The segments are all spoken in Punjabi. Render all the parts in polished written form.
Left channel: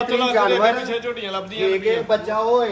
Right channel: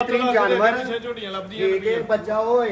जानवर ਪਿੱਛੇ ਝੋਟੀਆਂ ਲੱਭਦੀਆਂ ठीक है बच्चा होए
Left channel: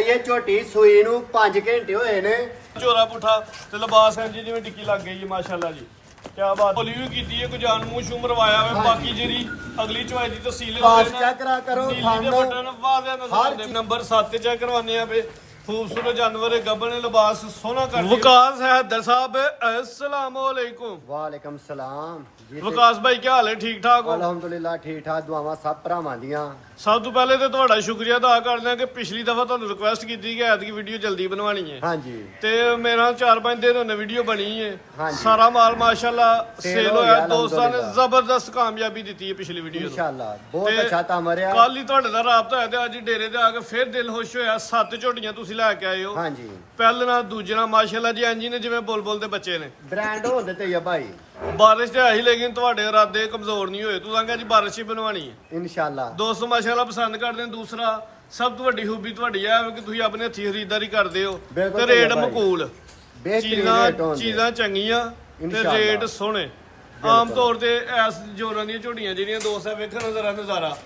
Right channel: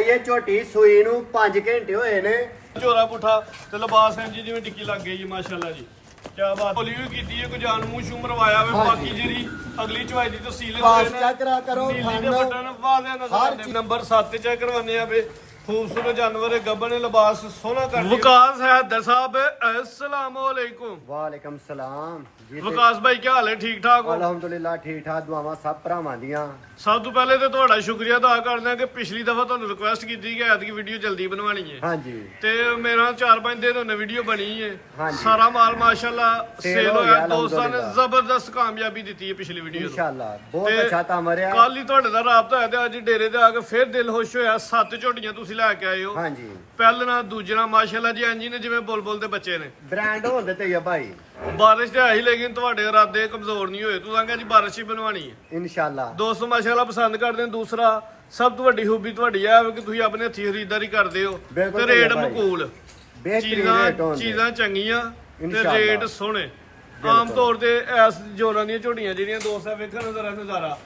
ये झोटी सूई ਨੂੰ 5 ਘੰਟੇ ਹੋਏ ਨੇ ਝੋਰਾ ਪੁੱਠਾ ਤੇ ਲਿਬਾਸ ਐਂ ਜੀ ਜਿਵੇਂ ਟਿੱਕੀ ਲੱਗ ਗਈ ਜੀ ਮਾਸ਼ਾਅੱਲਾ ਜੀ ਕਿਆ ਬਾਤ ਬੋਲੀ ਵੀ ਕੀਤੀ ਹੈ ਕੋਈ ਜਾਨ ਮੂੰਹ ਸ਼ੂ ਮਰਵਾਇਆ ਵੇ ਬਾਕੀ ਜਿਹੜੀ ਅਗਲੀ ਚਵਾਈ ਦੀ ਤਫਸੀਲ ਹੋਵੇ ਨਾ ਚੈੱਕ ਕਰਾ ਕਰੋ ਨੀਲੀ ਦੇ ਬਟਨ ਵਾਜ਼ਿਆ ਨਜ਼ਰ ਆਉਂਦੇ ਨੰਬਰ 7 ਤੇ ਚੈੱਕ ਕਰਵਾਉਂਦੇ ਆ ਵੇ खूबसूरत जानवर है गबन लिबास सोना कर वकास है हैदर साहब अस्सलाम वालेकुम वालेकुम सलाम जी वकास भाई क्या हाल है ठीक ठाक हो अल्हम्दुलिल्लाह ठीक ठाक दुआवां सब भरावां ਦੀਆਂ ਸਭ ਤੋਂ ਪਹਿਲੇ ਤੇ ਤੁਹਾਡਾ ਸ਼ੁਕਰੀਆ ਅਦਾ ਕਰਦੇ ਹਾਂ ਕਿ ਪਿਛਲੀ ਦਫਾ ਤੁਹਾਨੂੰ ਰਿਕੁਐਸਟ ਕੀਤੀ ਕਿ ਐਤਕੀ ਵੀਡੀਓ ਜਲਦੀ ਬਣਵਾਣੀ ਹੈ ਹਾਂਜੀ ਤੇ ਮੇਰਾ 4-5 ਦਿਨ ਹੋਣੇ ਵੀਡੀਓ ਬਣੀ ਹੈ ਹਾਂਜੀ। ਸਾਰਾ ਮਾਲ ਮਾਸ਼ਾਅੱਲਾ ਸੇਲ ਸੇਲ ਹੋ ਹੋਇਆ ਗਿਆ, ਦੋਸਤਾਂ ਨੇ ਅਲਹਮਦੁਲਿल्लाह। ਜ਼ਬਰਦਸਤ ਕਾਮਯਾਬੀ ਦਿੱਤੀ ਹੈ ਪਿਛਲੀ ਵੀਡੀਓ ਤੋਂ ਇਨਸ਼ਾਅੱਲਾ ਬਹੁਤ ਅੱਛਾ ਕੰਮ ਰਿਹਾ ਕੱਲ ਹੀ ਤੁਹਾਡੇ ਨਾਲ ਰਾਬਤਾ ਹੋਇਆ ਤੇ ਅੱਜ ਡੇਰੇ ਤੇ ਆ ਕੇ ਫਿਰ ਦਿਲ ਖੁਸ਼ ਹੋਇਆ 7 ਝੋਟੀਆਂ ਤੁਸੀਂ ਲੈ ਕੇ ਆਏ ਹੋ ਹਾਂਜੀ ਪਹਿਲੇ ਨਾਲ ਦੂਜੇ ਨਾਲ ਮਾਸ਼ਾਅੱਲਾ ਜੀ ਇੰਜੀ ਨੇ ਜਿਵੇਂ ਬੁਲਬੁਲ ਦੇ ਬੱਚੇ ਨੇ ਬ੍ਰਾਂਡ ਹੁੰਦੇ ਤੇ ਆ ਭਾਈ ਬਾਰਿਸ਼ ਤੇ ਆਈ ਲੇਕਿਨ ਤੁਹਾਡੇ ਇਰਾਦੇ ਕਮਜ਼ੋਰ ਨਹੀਂ ਹੋਏ ਤੂੰ ਕਹਿੰਦਾ ਜੀ ਬਾਰਿਸ਼ ਹੀ ਬਣਵਾਣੀ ਹੈ ਇਨਸ਼ਾਅੱਲਾ ਦੋਸਤੋ ਮਾਸ਼ਾਅੱਲਾ ਪਸੰਦ ਕਰਦੇ ਨੇ ਦੂਸਰਾ ਸਭ ਤੋਂ ਵੱਡੀ ਖੂਬੀ ਤੁਹਾਡੀ ਹੈ ਕਿ ਤੁਸੀਂ ਆਪਣੇ ਹੱਥੀਂ ਖਰੀਦਦਾਰੀ ਕਰਦੇ ਹੋ ਬਿਲਕੁਲ ਤੇ ਰੇਟ ਭਾਈ। ਮਕੂਲ ਬਿਹਤਰੀਨ ਰੇਟ ਹੁੰਦੇ ਚੀਜ਼ਾਂ ਚੰਗੀਆਂ ਤੇ ਇਨਸ਼ਾਅੱਲਾ। ਰੇਟ ਸੋਹਣੇ ਆਮ ਤੌਰ ਤੇ ਐਸ ਜੋਰਾਂ ਦੀਆਂ ਝੋਟੀਆਂ ਜਿਹੜੀਆਂ ਦੋਸਤ ਵੇਖਣ ਨਜ਼ਰ ਨਜ਼ਾਰਾ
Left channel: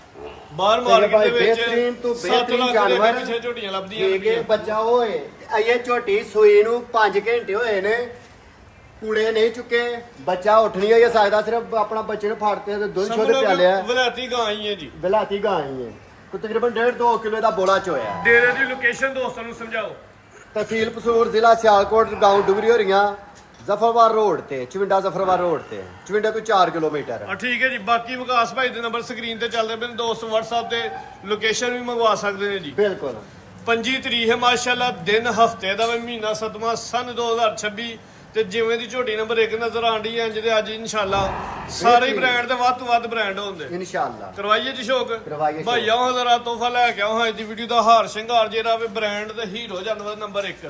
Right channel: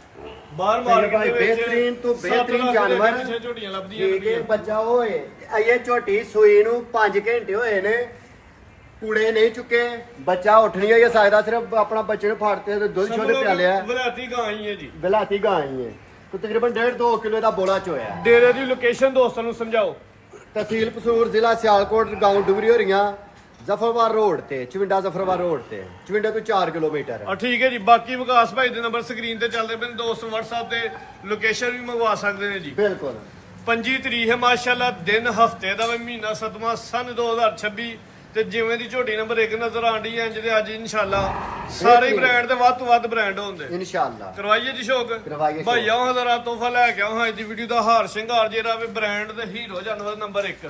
ਬਾਹਰ ਮਾਰਕੀਟ ਦੇ ਵਿੱਚ ਬਿਹਤਰੀਨ ਤੋਂ 7 ਬਿਹਤਰੀਨ ਲੱਖ ਦੇ ਜਾਨਵਰ ਪਿੱਛੇ ਝੋਟੀਆਂ ਲੱਭਦੀਆਂ ਠੀਕ ਹੈ ਨੇ ਬੱਚਾ ਹੋਏ ਇਹ ਝੋਟੀ ਸੂਈ ਨੂੰ 5 ਘੰਟੇ ਹੋਏ ਨੇ ਕੂੜੇ ਨਹੀਂ ਚੁੱਕੇ ਬੱਚਾ ਉੱਠ ਨਹੀਂ ਆ ਸਕਦਾ ਸਿਰਫ ਆਪਣਾ ਬੱਚੇ ਨੂੰ ਫਾੜਤੇ ਤੇ ਦੁੱਧ ਛੋਟੇ ਪਿਆਲਿਆ ਵਲਾਤੀ ਗਾਂ ਹੀ ਹੈ ਜੀ ਬਲਾਤੀ ਗਾਂ ਹੀ ਹੈ ਕੋ ਤਕਰੀਬਨ 1.5-2 ਕਿਲੋ ਦਾ ਬੋਲਾ ਚੋਇਆ ਡੇਰੇ ਦੀ ਲੋਕੇਸ਼ਨ ਦੋਸਤਾਂ ਨੂੰ ਸਮਝਾਓ ਤਹਿਸੀਲ ਪਸੂਰ ਜ਼ਿਲ੍ਹਾ ਸਿਆਲਕੋਟ ਗਾਉਂ ਡੁਗਰੀ ਹੋ ਰਹੀਆਂ ਜ਼ਫਰਵਾਰ ਰੋਡ ਤੇ ਚਵਿੰਡਾ ਜ਼ਫਰਵਾਰ ਰੋਡ ਤੇ ਚਵਿੰਡਾ ਤੋਂ 4 ਕਿਲੋਮੀਟਰ ਆ ਠੀਕ ਹੈ ਜੀ ਬਾਕੀ ਵਿਕਾਸ ਭਾਈ ਦੇ ਨੰਬਰ ਸਕਰੀਨ ਤੇ ਚੱਲਦੇ ਪਏ ਨੇ ਦੋਸਤ WhatsApp ਤੇ ਲੋਕੇਸ਼ਨ ਵੀ ਮੰਗਵਾ ਸਕਦੇ ਨੇ ਜੀ ਬਿਲਕੁਲ 25 ਤਰੀਕ ਹੈ ਮਾਸ਼ਾਅੱਲਾ ਦਿਨ ਹਫਤੇ ਦਾ ਵਾ, ਮਹੀਨਾ 7ਵਾਂ ਸਨ 2026 ਤੇ ਜਿਵੇਂ ਦੀ ਝੋਟੀ ਨੰਬਰ 1 ਨਜ਼ਰ ਆਂਡੀ ਹੈ ਜਿਹਦੇ ਅੱਜ ਇਨਸ਼ਾਅੱਲਾ ਸਾਰੇ ਹੀ ਬ੍ਰਾਂਡ ਦੇ ਵੱਧ ਤੋਂ ਵੱਧ ਬ੍ਰਾਂਡ ਹੁੰਦੇ ਇਨਸ਼ਾਅੱਲਾ ਕਰਵਾਈਏ ਜੀ ਸ਼ੌਕ ਕਰਵਾਈਏ ਸ਼ੌਕ। ਭਾਈ ਆਹ ਜ਼ਰਾ ਤੋਹਫਾ ਲੈ ਕੇ ਆਓ ਅੱਜ ਦੀ ਵੀਡੀਓ ਦਾ ਹਾਰ ਸ਼ਿੰਗਾਰ ਜਿਹੜਾ ਵੇ ਬ੍ਰਾਂਡ ਤੇ ਹੀਰੋ ਜਾਨਵਰ ਨੰਬਰ 1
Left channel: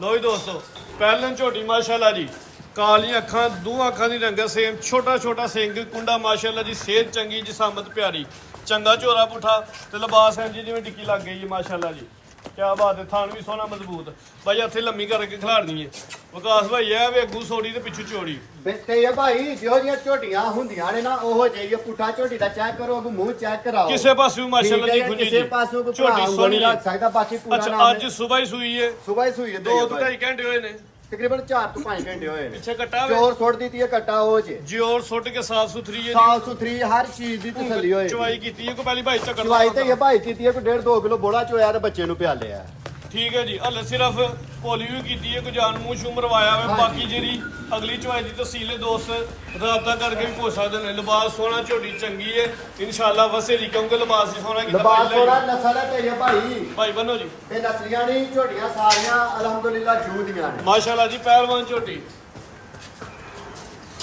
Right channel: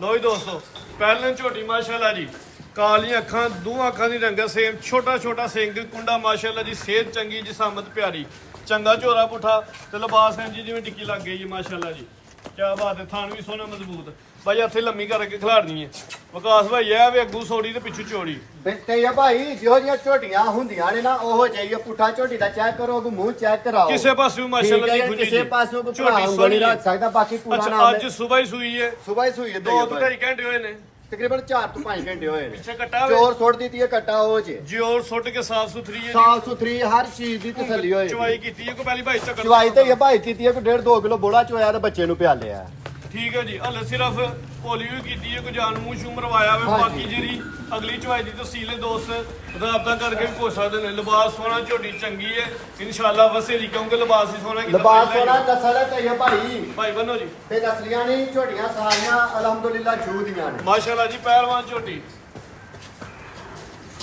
ਲੋ ਜੀ ਦੋਸਤੋ ਪਹਿਲਾਂ ਝੋਟੀ ਮਾਸ਼ਾਅੱਲਾ ਜੀ ਕਾਲੀਆਂ ਅੱਖਾਂ ਦੋਹਾਂ ਅੱਖਾਂ ਦੀ ਰੰਗਤ ਸੇਮ ਛੋਟਾ ਛੋਟਾ ਸਿੰਘ ਕੁੰਡਾ ਮਾਸ਼ਾਅੱਲਾ ਜੀ ਸਿਹਤ ਚੰਗੀ ਜਿਸਮਤ ਪਿਆਰੀ ਚੰਗਾ ਝੋਰਾ ਪੁੱਠਾ ਤੇ ਲਿਬਾਸ ਹੈ ਜੀ ਜਿਵੇਂ ਟਿੱਕੀ ਲੱਗ ਗਈ ਜੀ ਮਾਸ਼ਾਅੱਲਾ ਜੀ ਕਿਆ ਬਾਤ ਹੈ ਥਾਣ ਵੀ ਸੋਹਣਾ ਮਜ਼ਬੂਤ ਭਾਈ ਇੱਥੇ ਲੰਮੀ ਕਰਕੇ ਖਿਲਾਰਨੀ ਹੈ ਵਿਕਾਸ ਭਾਈ ਇਹ ਵੀ ਅੱਗੂ ਸੋੜੀ ਤੇ ਪਿੱਛੂ ਚੋੜੀ ਬਿਲਤੇ ਆ ਭਾਈ ਜਿਹੋ ਜਿਹੀਆਂ ਝੋਟੀਆਂ ਹੁੰਦੀਆਂ ਨੇ ਨਾ ਉਹੋ ਜਿਹੀ ਪੁੱਠਾ ਝੋਟੀ ਦਾ ਚੈੱਕ ਕਰੋ ਉਹ ਮੂੰਹ ਚੈੱਕ ਕਰਾਓ ਕਿਸੇ ਪਾਸੇ ਮਾਸ਼ਾਅੱਲਾ ਜੀ ਠੀਕ ਹੈ, ਖੁੰਜੀ ਕਿਸੇ ਜੀ ਪਾਸੋਂ ਕੋਈ ਝੋਟੀ ਭਰਾ ਉਂਗਲ ਸੋਹਣੀ ਨਹੀਂ ਰੱਖ ਸਕਦਾ ਬਾਕੀ ਪੂਰਾ ਅੱਛਾ ਨਾਮ ਅੱਜ ਸਵੇਰ ਹੀ ਸੂਈ ਹੈ ਸਵੇਰ ਹੀ ਸੂਈ ਹੈ 2-2.5 ਘੰਟੇ ਹੋਏ ਨੇ ਤਕਰੀਬਨ 4 ਤੋਂ 5 ਘੰਟੇ ਹੋਏ ਨੇ ਪਿੱਛੇ ਕੱਟਾ ਵੇ ਚੋਰ ਸੁੱਟ ਦਿੱਤੀ ਹੈ ਕੱਟਾ ਉਹ ਜੇ ਜਿਓਰ ਸੁੱਟ ਕੇ ਸਾਫ ਸੁਥਰੀ ਹੈ ਸਾਫ ਸੁਥਰੀ ਹਰ ਚੀਜ਼ ਦੀ ਤਸੱਲੀ ਹੋਏ ਚਵਾਈ ਕੀਤੀ ਹੈ ਕੋ ਪਹਿਲੀ ਭਾਈ ਤੱਕ ਚਵਾਈ ਤੇ ਇਹ ਭਾਈ ਕੀਤੀ ਹੈ ਕੋਈ 1.5-2 ਕਿਲੋ ਬੋਲਾ ਚੋਇਆ ਤੇ ਬੱਚੇ ਨੂੰ ਪਿਆਲੇ ਆ ਠੀਕ ਹੈ ਜੀ ਹਲੇ ਸਿਰਫ ਪੋਲੀ ਵੀ ਕੀਤੀ ਹੈ ਕੋਈ ਜਾਨ ਮੂੰਹ ਸ਼ੂ ਮਰਵਾਇਆ ਵੇ ਬਾਕੀ ਜਿਹੜੀ ਅਗਲੀ ਚਵਾਈ ਦੀ ਤਫਸੀਲ ਹੈ ਦੋਸਤ ਰਾਬਤਾ ਕਰਕੇ ਵੀ ਪੁੱਛ ਸਕਦੇ ਨੇ ਲਿਬਾਸ ਸੋਹਣਾ ਝੋਟੀ ਚੰਗੀ ਹੈ ਇਨਸ਼ਾਅੱਲਾ ਵਸੇਰੀ ਕਿਉਂਕਿ ਲਿਬਾਸ ਹੀ ਸੋਹਣਾ ਕੀਤਾ ਲਿਬਾਸ ਸੋਹਣਾ ਨਸਲ ਤੇ ਇਹ ਭਾਈ ਭਾਈ ਬੰਨੋ ਜੀ ਤੇ ਨਸਲੀਆਂ ਨਹੀਂ ਝੋਟੀਆਂ ਸਾਰੀਆਂ ਅਲਹਮਦੁਲਿਲਾ ਜੂਦੀਆਂ ਨੇ ਮਾਸ਼ਾਅੱਲਾ ਜੀ ਪਹਿਲਵਾਨ ਝੋਟੀ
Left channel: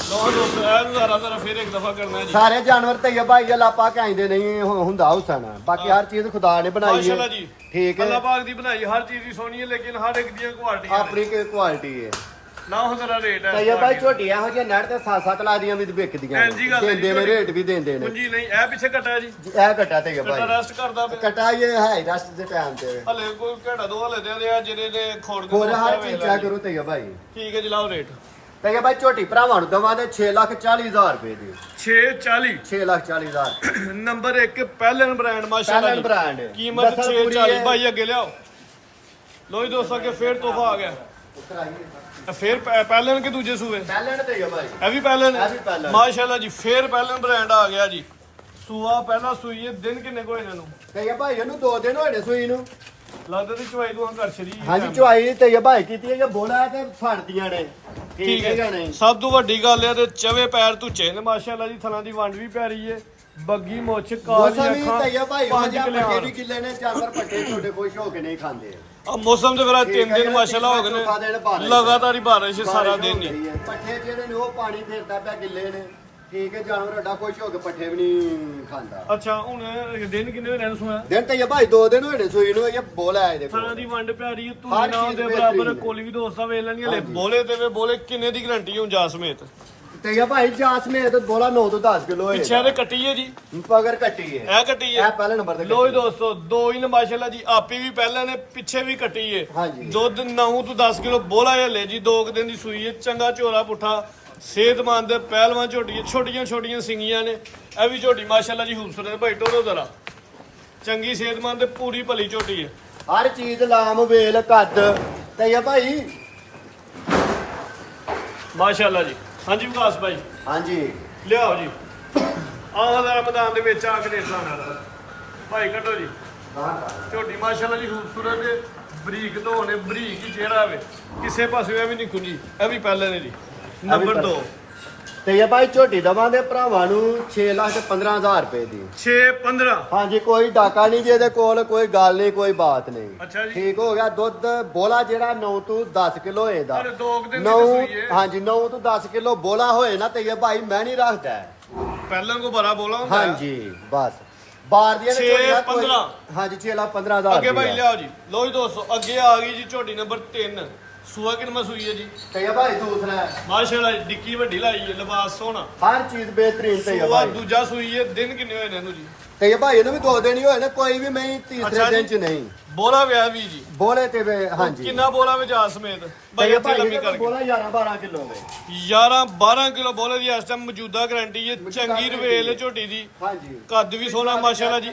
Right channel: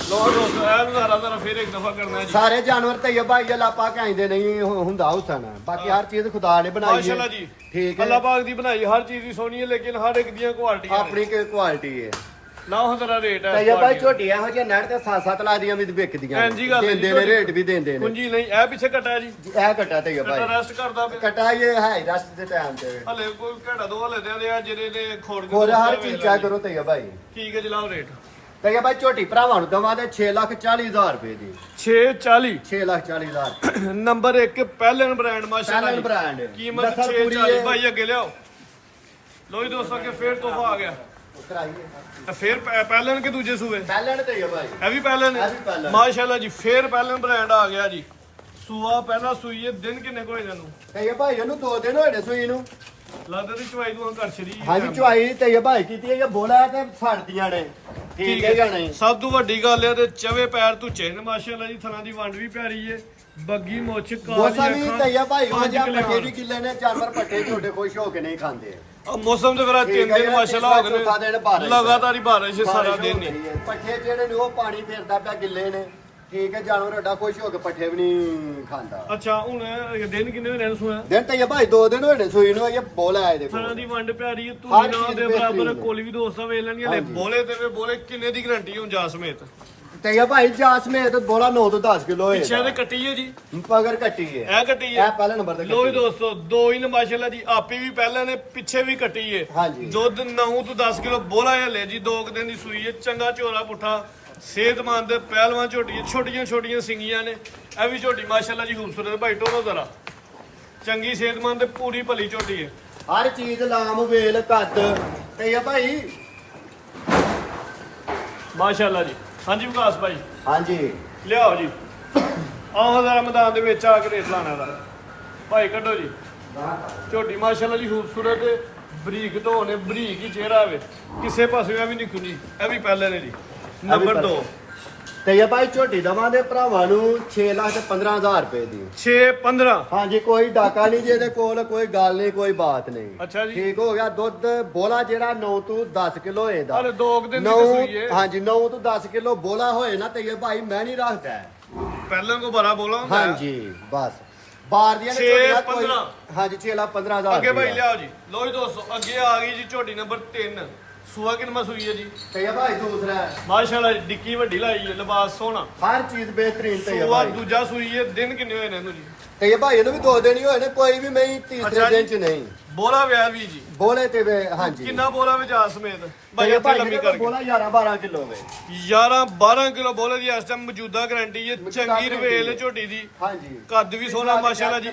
ਲੋ ਦੋਸਤ ਇਹ ਨਜ਼ਾਰਾ ਜ਼ਰਾ ਫਿਰ ਇੱਕ ਦਫਾ ਕਰਨਾ ਹੈ ਜੀ ਸਾਰੇ ਜਾਨਵਰ ਤੇ ਇਹ ਭਾਈ ਲਾਪਾ ਕਹਿੰਦੇ ਨਹੀਂ ਹੁੰਦਾ ਹੁਸਨ ਬਾਕੀ ਹਰ ਚੀਜ਼ ਖੁਦਾ ਨੇ ਬਣਾਈ ਮਾਸ਼ਾਅੱਲਾ ਹੈ ਜੀ ਠੀਕ ਹੈ ਅੱਲਾਹ ਪਾਕ ਦੀ ਬਣਾਈ ਹਰ ਚੀਜ਼ ਦੀ ਸੋਹਣੀ ਹੈ ਲੇਕਿਨ ਹਰ ਇੱਕ ਦੀਆਂ ਕੁਆਲਿਟੀਆਂ ਆਪਣੀ ਕੀ ਕੁਆਲਿਟੀ ਹੈ ਨਾ ਉਹ ਜ਼ਰਾ ਰੇਟ ਹੈ ਤੇ ਇਹ ਭਾਈ ਝੋਟੀ ਇਹੋ ਜਿਹੇ ਨੜ ਤੇ 7-7 ਲਾ ਦੀਆਂ ਵੀ ਵਿਕਦੀਆਂ ਇੰਝ ਗੱਲ ਹੈ ਜੀ, ਦਿੰਦੇ ਨੇ ਰੇਟ ਵੀ ਦਿੰਦੇ ਨੇ ਕੁੰਜੀ ਨਹੀਂ ਇਹ ਪਿੱਛੇ ਕੱਟਾ ਜੀ ਇਹ ਕੱਟਾ ਤੇ ਕੱਟਾ ਭਾਈ ਰੈਸਟ ਕਰਦਾ ਪਿਆ ਕਟਾ ਇਹ ਹੈ ਰਸਤ ਦੇ ਟਾਈਮ ਤੇ ਹਲੇ ਕੋਈ ਘੰਟਾ ਦੋ ਹਲੇ ਦੇ ਆ ਜਿਹੜੇ ਨੇ ਖੋੜ ਕੇ ਹੋਰ ਹਰ ਦੋਸਤ ਚੀਜ਼ ਵੇਚ ਚੈੱਕ ਲੈਣੀ। ਕਰੋ ਤੇ ਭਾਈ ਠੀਕ ਹੈ ਜੀ ਲਾਓ ਰੇਟ ਤੇ ਇਹ ਭਾਈ ਝੋਟੀ ਭਰਾਵਾਂ ਨੂੰ ਦਵਾ ਦੇ 6,40,000 ਰੁਪਏ ਦੀ 640 6,40,000 ਨੰਬਰ 1 ਪਹਿਲਨ ਬ੍ਰਾਂਡ ਮਾਸ਼ਾਅੱਲਾ ਪਹਿਲਨ brand। ਕੀਮਤ ਦਸਲ ਪੂਰੀ 640 ਹੈ। ਭਾਈ ਅੱਗੇ ਲਿਆਓ ਲੋ ਜੀ ਦੋਸਤਾਂ ਕੇ ਫੇਰ ਤੋਹਫਾ ਆ ਗਿਆ ਇਹ ਫੇਰ ਪਹਿਲਨ ਕੇ ਦੂਜੇ ਸੂਏ ਪਹਿਲਣ ਤੇ ਭਾਈ ਇਹ ਵੀ ਪਹਿਲਨ ਇਹ ਵੀ ਪਹਿਲਨ। ਮਾਸ਼ਾਅੱਲਾ ਜੀ ਫੇਰ ਪਹਿਲਨ ਬ੍ਰਾਂਡ ਆ ਗਿਆ ਜੀ ਸੂਆ ਪਹਿਲਾਂ ਸੂਈ ਹੈ ਦਿਨ ਕਿੰਨੇ ਕੋਈ ਇਹਨਾਂ ਨੂੰ ਤੇ ਇਹ ਭਾਈ ਇਹਨੂੰ 2 ਦਿਨ ਹੋਏ ਨੇ ਸੂਈ ਨੂੰ ਲੱਗਦਾ ਤੇ ਚਵਾਈ ਨੂੰ ਘਰ ਛੜੀ ਹਾਂਜੀ ਚੁਆਈ ਤੇ ਇਹ ਭਾਈ ਕੀਤੀ ਹੈ ਇਹ ਬੋਲਾ ਤੇ ਫੜਦੀਆਂ ਨੇ ਠੀਕ ਹੈ ਜਾਂ ਨਹੀਂ ਸਭ ਤੋਂ ਵੱਡੀ ਗੱਲ ਹੈ ਤੇ ਚਵੇ ਪੈਰ ਧੁੱਚੇ ਨੇ ਮਾਸ਼ਾਅੱਲਾ ਜੀ ਥਲਾਂ ਦੀ ਵੰਡ ਵੀ ਪਿਆਰੀ ਹੈ ਬੱਗੀ ਮੁੱਛ ਕਾਲੀ ਮੌਸਮ ਵੀ ਅੱਖਾਂ ਤੇ ਇਹ ਭਾਈ ਪੰਜ ਮਜਾ ਕਿੱਲੇ ਪੱਟੇ ਵੀ ਕਿੱਲੇ ਨੇ ਜਾਨਵਰ ਪੱਟੇ ਛੋਟੇ ਖੁਸ਼ ਹੋ ਕੇ ਨਹੀਂ ਖਾਂਦੇ ਆ ਮੌਸਮ ਤੇ ਫਿਰ ਠੀਕ 3 ਹੈ ਦਿਨ ਜੀ, ਮਾਸ਼ਾਅੱਲਾ ਹੋ ਗਏ ਚੌਥਾ ਦਿਨ ਨੇ ਬਾਰਿਸ਼। ਲਗਾਤਾਰ ਹੀ ਬਾਰਿਸ਼ ਸਾਰਾ ਦਿਨ ਹੀ ਪੱਠੇ ਜਿਹੜੇ ਨੇ ਉਹ ਪਾਣੀ ਫੇਰਦਾ ਪਿਆ ਗਿੱਲੇ ਨੇ ਠੀਕ ਹੈ ਜਾਨਵਰ ਐਡਾ ਖੁਸ਼ ਹੋ ਕੇ ਪੱਠੇ ਵੀ ਨਹੀਂ ਖਾਂਦਾ ਅੱਛਾ ਹੁਣ ਦਿਨ ਕਿੰਨੇ ਹੋਏ ਨੇ ਸੋਇਆ ਦਿਨ ਤੇ ਇਹ ਭਾਈ 2 ਦਿਨ ਹੋਏ ਨੇ ਸੂਈ ਨੂੰ ਇਹ ਬੋਲਾ ਆਏ ਦੇਖੋ ਥਲਾਂ ਦੀ ਵੰਡ ਪਿਆਰੀ ਹੈ ਤੂੰ ਹਰ ਨਾ ਚੀਜ਼ ਦੇ ਬਰਾਬਰ ਬਿਹਤਰੀਨ ਹੈ। ਕੋਲੀ ਵੀ ਦੋਸਤਾਂ ਵੇਖ ਲੈਣਗੇ ਹਲੇ ਬੋਲੇ ਤੇ ਵੇ ਬੋਲੇ ਕਿੰਨੇ ਦੀ ਗਰੰਟੀ ਹੁਣ ਜਾ ਸਮੇਤ ਤੇ ਇਹ ਭਾਈ ਜਾਸ ਮੇ ਤੇ ਬੋਲਾ 9 ਤੋਂ 10 ਕਿਲੋ ਹੈ ਪਿੱਛੇ ਤੇ ਕੱਟੀ ਹੈ ਜੀ ਪਗਰ ਕੱਟੀ ਹੈ ਇਹ ਕੱਟੀ ਹੈ ਇਹ ਪਹਿਲੇ ਨੰਬਰ ਤੇ ਲੋ ਜੀ ਦੋਸਤੋ ਦੋ ਹੀ ਨੇ ਮਾਸ਼ਾਅੱਲਾ ਜੀ ਆਪੇ ਵੀ ਪਹਿਲਾਂ ਨੇ ਪਿੱਛੇ ਵੀ ਕੱਟੀ ਏ ਹਾਂਜੀ। ਦੁੱਧ 9 ਤੋਂ 10 ਕਿਲੋ ਬੋਲਾ ਹੈ ਲੈ ਜੀ 2 ਦਿਨ ਦੀ ਸੂਈ ਹੈ ਚੰਗਾ ਝੋਰਾ ਪੁੱਠਾ ਸਿਹਤਮੰਦ ਪਹਿਲਵਾਨ ਝੋਟੀ ਛੋਟੀਆਂ ਛੋਟੀਆਂ ਸਿੰਗੀਆਂ ਨੇ ਇਹ ਵੀ ਝੋਟੀ ਮਾਸ਼ਾਅੱਲਾ ਜੀ ਖੂਬਸੂਰਤ ਭਾਈ ਟੋਰੋ ਜ਼ਰਾ ਚੰਗੀ ਸਿਹਤਮੰਦ ਤੇ ਪੂਰੀ ਭਲੀ ਝੋਟੀ ਹੈ। ਹਰ ਚੀਜ਼ ਲਾਮ ਵੇਲ ਕੱਦ ਤੇ ਆ ਭਾਈ। ਮਾਸ਼ਾਅੱਲਾ ਜੀ। ਹਾਂਜੀ ਵਿਕਾਸ ਭਾਈ ਹਾਂਜੀ ਲਿਆਓ ਜੀ। ਆਹ ਜ਼ਰਾ ਮੈਦਾਨ ਦੇ ਵਿੱਚ ਆ ਕੇ ਦੇਖ ਲਾਣਾ ਦਾ ਭਾਈ ਕੱਢੋ ਜੀ। ਝੋਟੀ ਮਾਸ਼ਾਅੱਲਾ ਜੀ ਖੂਬਸੂਰਤ ਤੇ ਬਰੀਕ ਤੋਂ ਨੇ ਬਰੀਕ ਹੀ ਚਿਹਰਾ ਵੇ ਕਿਸੇ ਪਾਸੇ ਵੀ ਨਹੀਂ ਖੁੱਲੀ। ਇਹ ਵੀ ਪਹਿਲੇ ਨੇ ਜੀ। ਨੰਬਰ 2 ਤੇ ਆ ਭਾਈ ਝੋਟੀ ਦਵਾਂਗੇ ਭਰਾਵਾਂ ਨੂੰ 6,15,000 ਰੁਪਏ ਦੀ। 6-15 ਹਾਂਜੀ ਕੋਈ ਡਾਕਾ ਨਹੀਂ ਜੀ ਇਹਦੇ ਕੋਲ, ਕੋਈ ਗੱਲ ਨਹੀਂ, ਕੋਈ ਬਾਤ ਨਹੀਂ। ਅੱਛਾ ਜੀ। ਠੀਕ ਹੋ ਗਿਆ। ਦੁੱਧ ਬੋਲਾ ਜਿਹੜਾ 9 ਤੋਂ 10 ਕਿਲੋ ਹੋਏਦਾ। ਅਰੇ 2 ਦਿਨ ਦੀ 9 ਸੂਈ ਹੈ। ਹਾਂਜੀ 9 ਤੋਂ 10 ਕਿਲੋ ਬੋਲਾ ਹੋਏ ਨਾ ਤੇ ਇਹ ਭਾਈ ਮੈਂ ਨਹੀਂ ਰੱਖਦਾ। ਪਹਿਲਾਂ ਕੋ ਬੜਾ ਬੋਲਾ ਹੁੰਦਾ ਹੈ। ਹਾਂਜੀ ਬਸ ਬਾਹਰ ਦੀਆਂ 6-15 ਹਾਂਜੀ 6,15,000 ਅੱਗੇ ਭਾਈ ਲਿਆਓ ਜੀ। ਲੋ ਜੀ ਦੋਸਤੋ ਅੱਗੇ ਆ ਗਈ ਜੀ ਝੋਟੀ ਨੰਬਰ 3। ਸੂਆ ਕਿੰਨਾ ਸੂਈ ਹੈ ਜੀ? ਤੇ ਇਹ ਭਾਈ ਦੂਸਰਾ ਮਾਸ਼ਾਅੱਲਾ ਜੀ ਡਿੱਕੀ ਵੱਡੀ ਲਾਈ ਹੈ ਲਿਬਾਸ ਸੋਹਣਾ ਹਰ ਚੀਜ਼ ਬਿਹਤਰੀਨ ਤੇ ਸੂਆ ਦੂਜਾ ਸੂਈ ਹੈ। ਦਿਨ ਕਿੰਨੇ ਹੋਏ ਨੇ ਇਹਨੂੰ ਜੀ? ਤੇ ਇਹ ਭਾਈ ਇਹਨੂੰ ਵੀ 2 ਦਿਨ ਹੀ ਹੋਏ ਨੇ, ਕੋਈ ਵੀ ਮੈਂ ਅੱਛਾ ਤੀਸਰੇ ਜੀ। ਦਿਨ ਚ ਨਹੀਂ ਬੋਲਾ ਵਿਆਹ ਵੀ ਜੀ। ਬੋਲੇ ਤੇ ਹਾਂਜੀ ਕਿੰਨਾ ਬੋਲਾ ਵਿੱਚ ਆ ਸਮੇਤ ਭਾਈ ਤੇ ਇੱਥੇ ਭਾਈ ਲੰਮੀ ਇਹਦੇ ਕੋਲ ਕਰਕੇ ਬੋਲਾ 11-12 ਕਿਲੋ ਵੇ। 11-12 ਕਿਲੋ ਬੋਲੇ ਦੀ ਇਸ ਟਾਈਮ ਮੌਜੂਦਾ ਗਾਰੰਟੀ ਹੈ। ਚੰਗੀ ਰਵੇਲ ਝੋਟੀ ਦੀ ਹਾਂਜੀ ਕੱਦ ਵੀ ਸੋਹਣਾ ਮਾਸ਼ਾਅੱਲਾ ਜੀ।